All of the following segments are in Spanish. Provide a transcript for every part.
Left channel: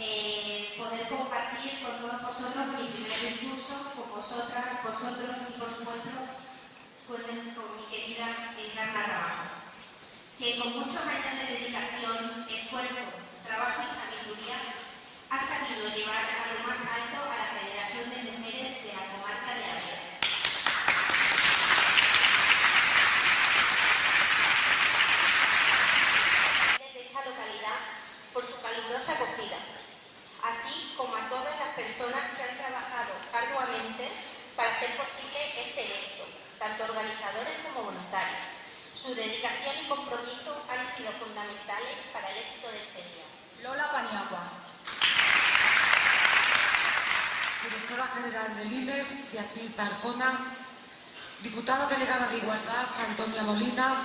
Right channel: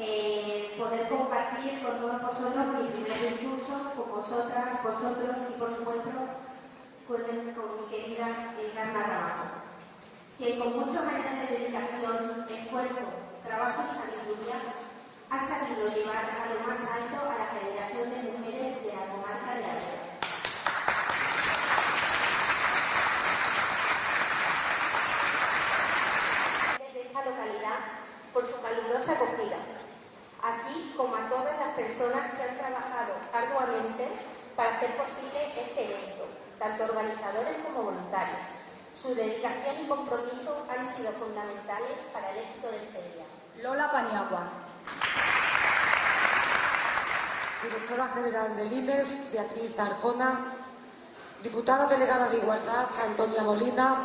poder compartir con todos vosotros mi primer discurso, con vosotras, vosotros y por supuesto con mi querida Encarna Rabajo, que con muchos años de dedicación, esfuerzo, trabajo y sabiduría ha sabido llevar a lo más alto a la Federación de Mujeres de la Comarca de Avera. De esta localidad por su calurosa acogida, así como a todas las personas que han trabajado arduamente para hacer posible este evento, tanto organizadores como voluntarios. Su dedicación y compromiso han sido fundamentales para el éxito de este día. Lola Paniagua. Directora General del INES, Beatriz Arjona. Diputada Delegada de Igualdad, Antonia Molina.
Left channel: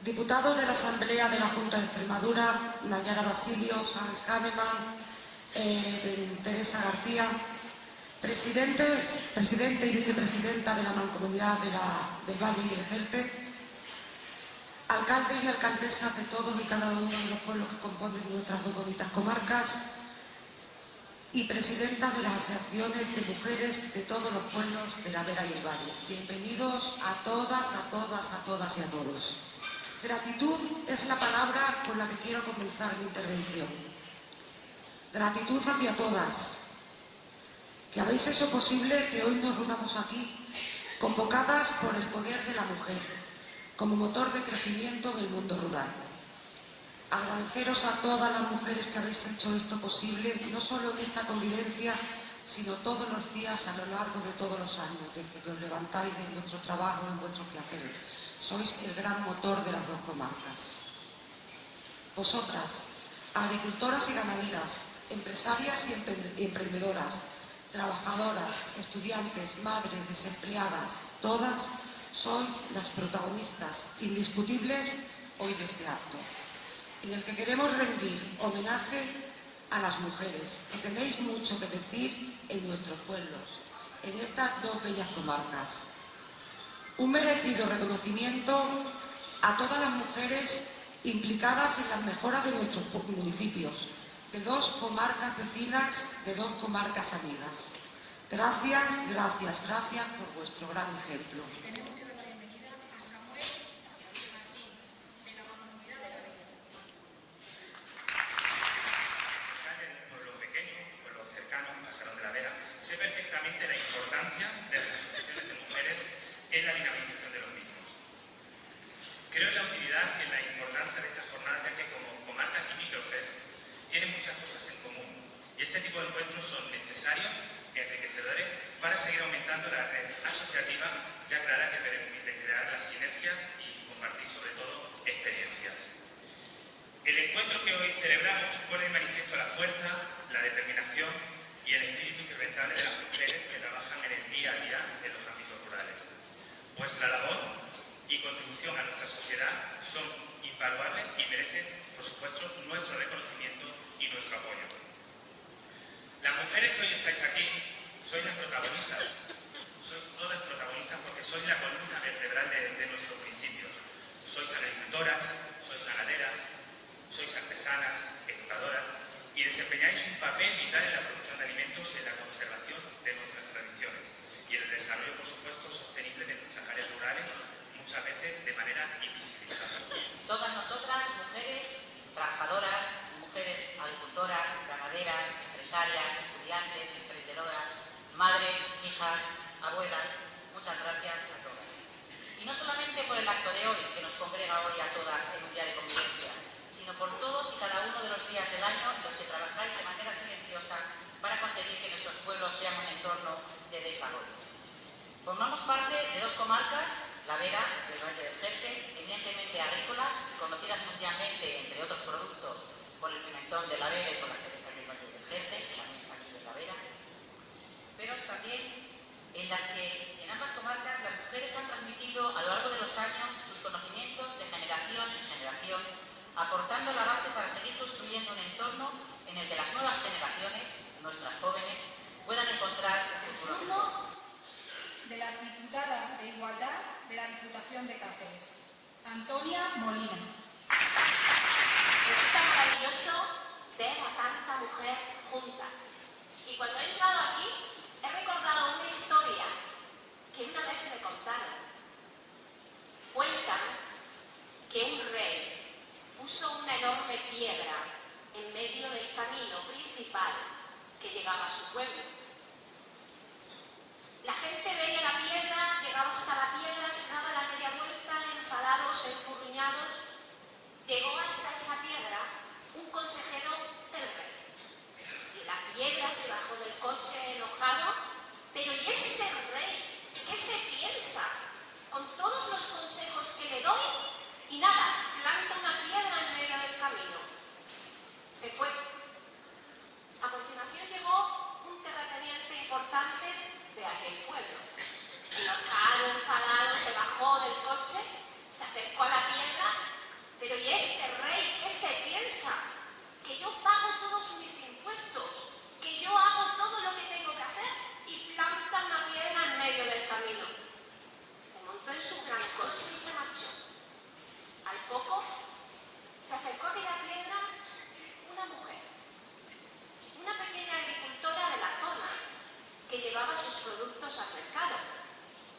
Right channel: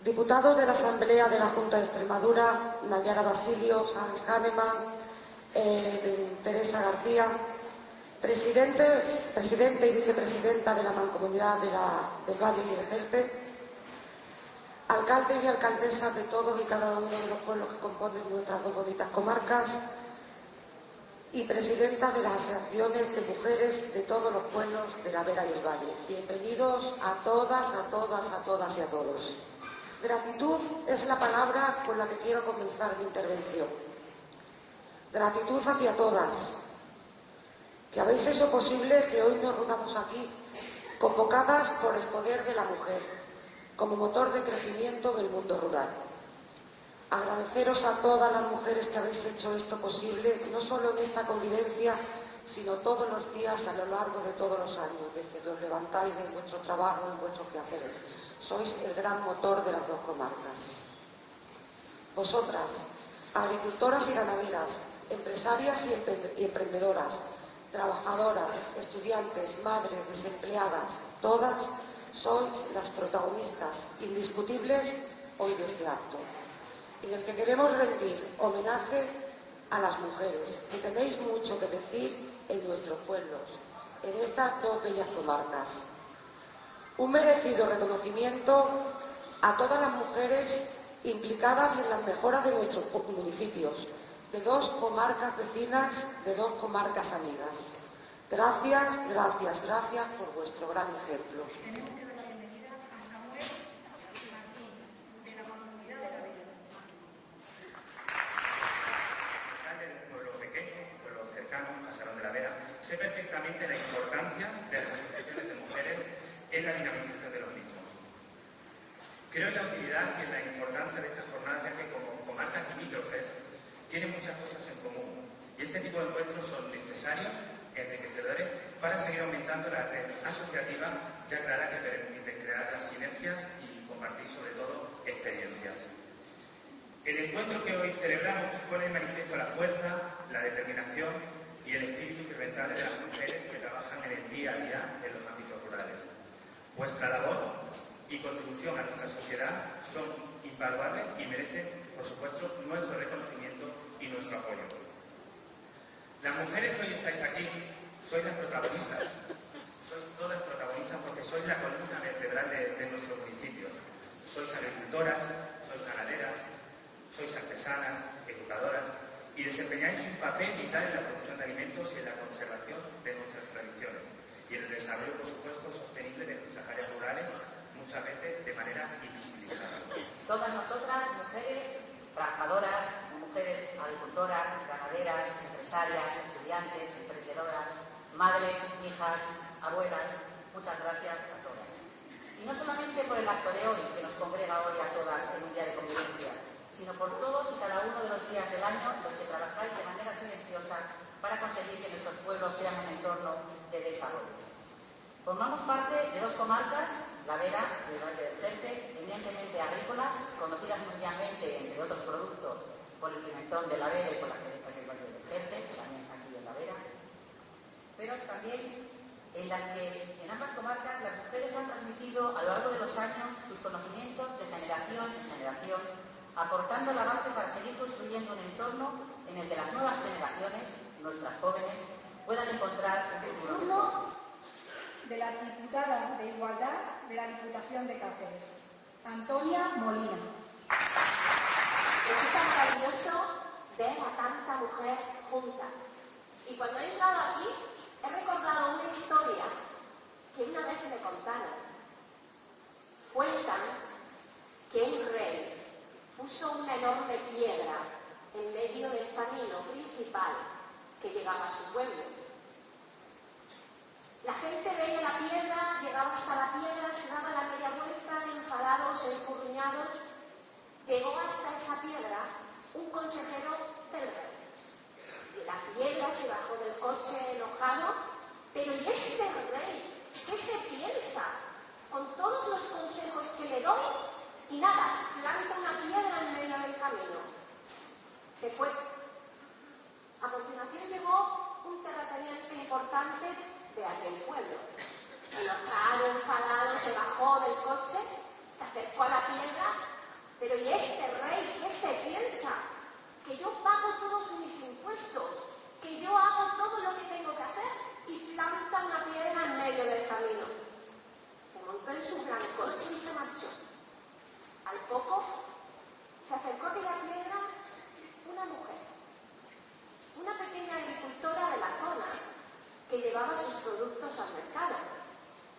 Diputados de la Asamblea de la Junta de Extremadura, Nayara Basilio, Hans Hahnemann, Teresa García. Presidente y vicepresidenta de la Mancomunidad del Valle y el Jerte. Alcaldes y alcaldesas de todos y cada uno de los pueblos que componen nuestras dos bonitas comarcas y presidentas de las asociaciones de mujeres de todos los pueblos de la Vera y el Valle. Bienvenidos a todas, a todas, a todas y a todos. Gratitud es la palabra con la que quiero comenzar mi intervención. Gratitud hacia todas, que habéis hecho posible que hoy nos reunamos aquí, convocadas por el poder de la mujer, como motor de crecimiento en el mundo rural. Agradeceros a todas las mujeres que habéis hecho esto posible, no solo en esta convivencia, sino todos los días a lo largo de todos los años, desde que os levantáis de vuestro trabajo, en vuestros quehaceres. Sois el gran motor de las dos comarcas. Vosotras, agricultoras y ganaderas, empresarias y emprendedoras, trabajadoras, estudiantes, madres, desempleadas, todas sois las protagonistas indiscutibles hoy de este acto, en el que queremos rendir homenaje a las mujeres, que tenéis mucho que decir en nuestros pueblos, en estas dos bellas comarcas. Un merecido reconocimiento a todas las mujeres implicadas en las mejoras de nuestros municipios, de dos comarcas vecinas, de dos comarcas amigas. Gracias, gracias, gracias por vuestro gran ejemplo. Sé perfectamente la importancia de las asociaciones de mujeres en la dinamización de los mismos. Creo en la utilidad y en la importancia de esta jornada, ya que como comarcas limítrofes tienen muchas cosas en común y este tipo de encuentros son necesarios, enriquecedores, para seguir aumentando la red asociativa ya clara que permite crear las sinergias y compartir sobre todo experiencias. El encuentro que hoy celebramos pone en manifiesto la fuerza, la determinación y el espíritu incrementable de las mujeres que trabajan en el día a día en los ámbitos rurales. Vuestra labor y contribución a nuestra sociedad son invaluables y merecen, por supuesto, nuestro reconocimiento y nuestro apoyo. Las mujeres que hoy estáis aquí sois las protagonistas, sois todas protagonistas porque sois la columna vertebral de nuestros municipios. Sois agricultoras, sois ganaderas, sois artesanas, educadoras, y desempeñáis un papel vital en la producción de alimentos y en la conservación de nuestras tradiciones y en el desarrollo, por supuesto, sostenible de nuestras áreas rurales, muchas veces de manera invisibilizada. Todas nosotras, mujeres trabajadoras, mujeres agricultoras, ganaderas, empresarias, estudiantes, emprendedoras, madres, hijas, abuelas, muchas gracias a todas. Y no solamente por el acto de hoy, que nos congrega hoy a todas en un día de convivencia, sino por todos y cada uno de los días del año en los que trabajáis de manera silenciosa para conseguir que nuestros pueblos sean un entorno de desarrollo. Formamos parte de dos comarcas, la Vera y el Valle del Jerte, eminentemente agrícolas, conocidas mundialmente, entre otros productos, por el pimentón de la Vera y por las cerezas del Valle del Jerte, que también aquí en la Vera, pero también en las que en ambas comarcas las mujeres han transmitido a lo largo de los años sus conocimientos de generación en generación, aportando la base para seguir construyendo un entorno en el que las nuevas generaciones, nuestras jóvenes, puedan encontrar un futuro. De la diputada de Igualdad de la Diputación de Cáceres, Antonia Molina. Resulta maravilloso ver a tanta mujer junta. Y cuando he entrado aquí, he recordado una historia que una vez me contaron. Cuentan que un rey puso una enorme piedra en medio del camino principal que llegaba a su pueblo. La gente veía la piedra, llegaba hasta la piedra, se daba la media vuelta, enfadados, escurriñados. Llegó hasta esa piedra un consejero del rey. Y la piedra se bajó del coche enojado. Pero ¿y este rey? ¿Qué se piensa? Con todos los consejos que le doy, y nada, planta una piedra en medio del camino. Se fue. A continuación llegó un terrateniente importante de aquel pueblo. Enojado, enfadado, se bajó del coche, se acercó a la piedra. Pero ¿y este rey qué se piensa? Que yo pago todos mis impuestos, que yo hago todo lo que tengo que hacer y planta una piedra en medio del camino. Se montó en su gran coche y se marchó. Al poco se acercó a aquella piedra una mujer, una pequeña agricultora de la zona que llevaba sus productos al mercado.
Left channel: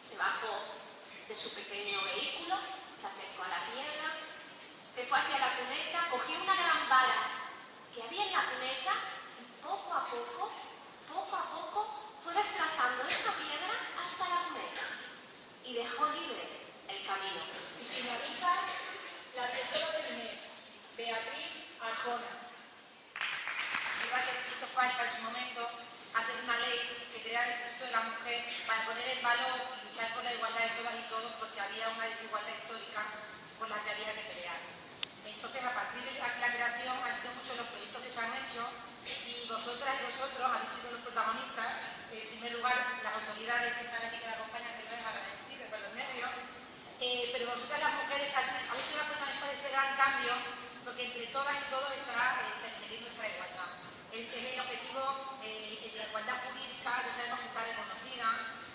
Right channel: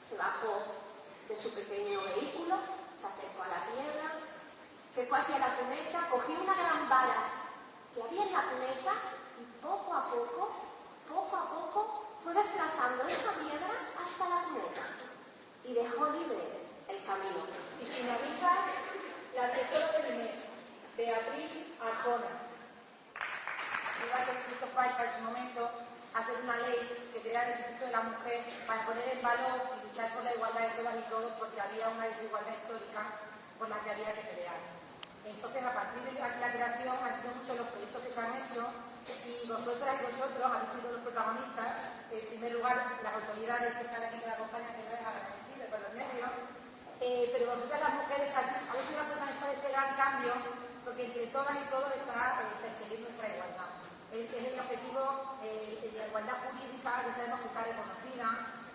Se bajó de su pequeño vehículo, se acercó a la piedra, se fue hacia la cuneta, cogió una gran vara que había en la cuneta y poco a poco fue desplazando esa piedra hasta la cuneta y dejó libre el camino. Y finaliza la directora del INES, Beatriz Arjona. Fíjate que hizo falta en su momento hacer una ley que creara el Instituto de la Mujer para poner en valor y luchar por la igualdad de todas y todos, porque había una desigualdad histórica por la que había que pelear. Entonces, a partir de la creación han sido muchos los proyectos que se han hecho y vosotras y vosotros habéis sido los protagonistas. En primer lugar, las autoridades que están aquí que la acompañan, que no es agradecido por los nervios, pero vosotras las mujeres habéis sido las protagonistas de este gran cambio, porque entre todas y todos está perseguir nuestra igualdad. Es el objetivo, la igualdad jurídica, que sabemos que está reconocida,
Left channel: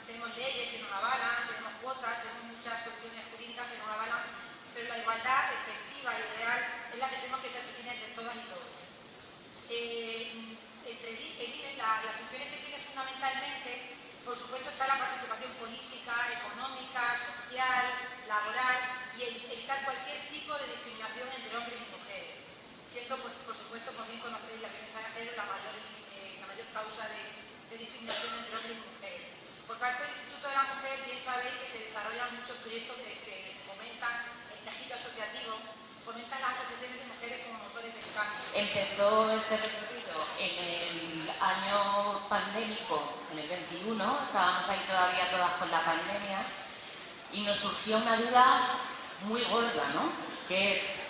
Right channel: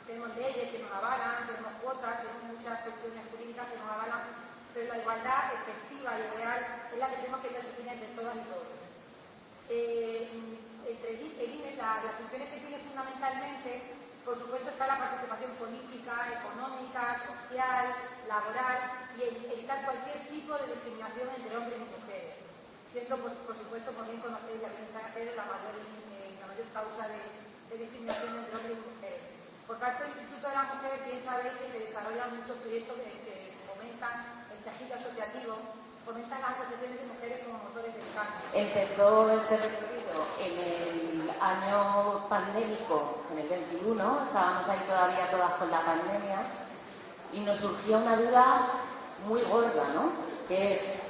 tenemos leyes que nos avalan, tenemos cuotas, tenemos muchas cuestiones jurídicas que nos avalan, pero la igualdad efectiva y real es la que tenemos que perseguir entre todas y todos. Entre el INE, las funciones que tiene fundamentalmente, por supuesto, está la participación política, económica, social, laboral y evitar cualquier tipo de discriminación entre hombres y mujeres, siendo, pues, por supuesto, como bien conocéis, la violencia de género la mayor causa de discriminación entre hombres y mujeres. Por parte del Instituto de la Mujer, bien sabéis que se desarrollan muchos proyectos que fomentan el tejido asociativo, fomentan las asociaciones de mujeres como motores de cambio. Empezó este recorrido en el año pandémico, en el 21, estábamos ahí todavía todas con la pandemia, y nos surgió una duda muy gorda, ¿no? Que es,